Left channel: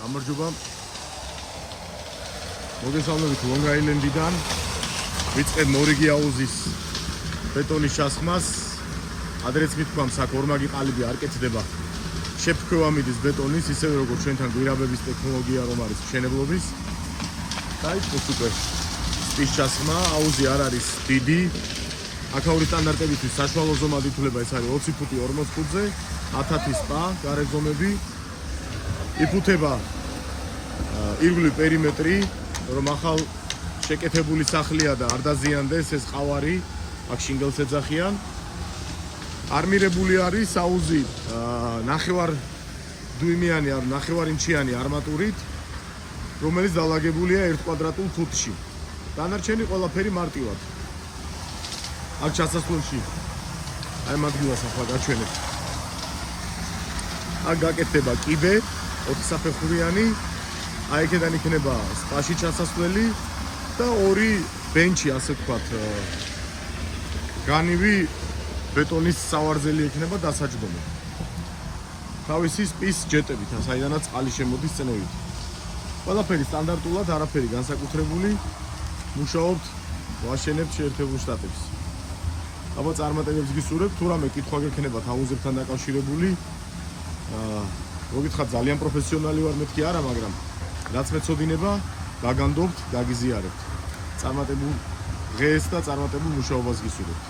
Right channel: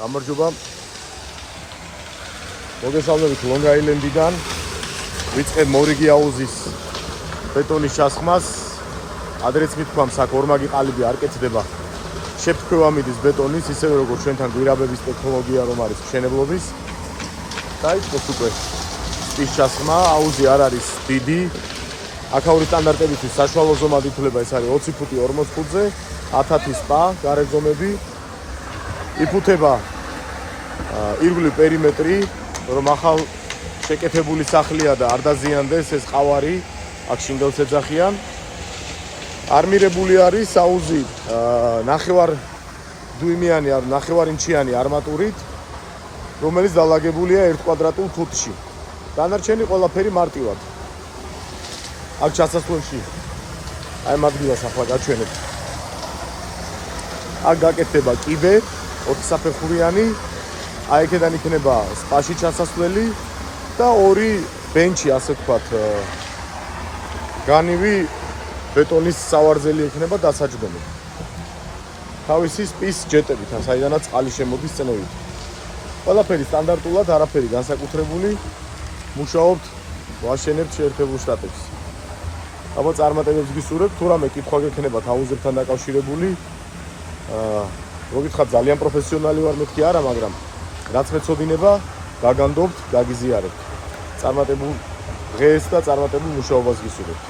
გამარჯობა. მოგესალმებით Long Island-დან. ვიწყებ მორიგი აუზის ბეტონის ჩასხმას. ადრეც მithქვამს, აქ ორმაგი ყალიბი არ კეთდება. შეფქვევა მიდის ბეტონის, ისევე როგორც ჩვენთან გვირაბების ტექნოლოგია რომ არის მშენებლობის. დაიწყოს უკვე ის ჩასხმა, აუზი არ არის დიდი. აქაური სტანდარტებისთვის საშუალო ზომად ითვლება, ეს არის 20 ფუტი 40 ფუტზე, 1000 სპა, გარე ზომები. იფუთება ირგვლივ პერიმეტრი, რომ ახალ შეკეთებული სახლია და არ დაზიანდეს ეს ყავარი, აქ შინგელს ეძახიან. არმირებული არის აუზი ნახევარ დუიმიანი, ნახევარ ინჩიანი არმატურით, რომელიც დალაგებულია 1 კვადრატულ ფუტში. დანარჩენი ყველაფერი მარტივად. აქ ჩასასვლელში აი ამ ადგილას ახლა გაჩვენებთ. აქ გაკეთდება კიბე 20 საფეხურიანი, აი აქედან იქნება სპაში ჩასასვლელი და ორი ბენჩი, ასე ვთქვათ, განივი ბეტონის სავარძელი იქნება დასაჯდომი. თავისი სპის ჯეტებით, საიდანაც წყალი შემოდის წნევით. ყველაფერი სტანდარტულად, არაფერი განსაკუთრებული, მუშაობთ, ვაშენებთ შეერთებულ შტატებში. აბა წარმატებებს გისურვებთ, თუ რამე კითხვა გექნებათ აუზებთან დაკავშირებული, მოგითხრათ ძალიან პროფესიონალი ვარ მეთქი არა, მაგრამ რაც მეცოდინება, გაგანდობთ, გაგიზიარებთ. წარმატებულ დღეს და წარმატებულ მუშაობას გისურვებთ.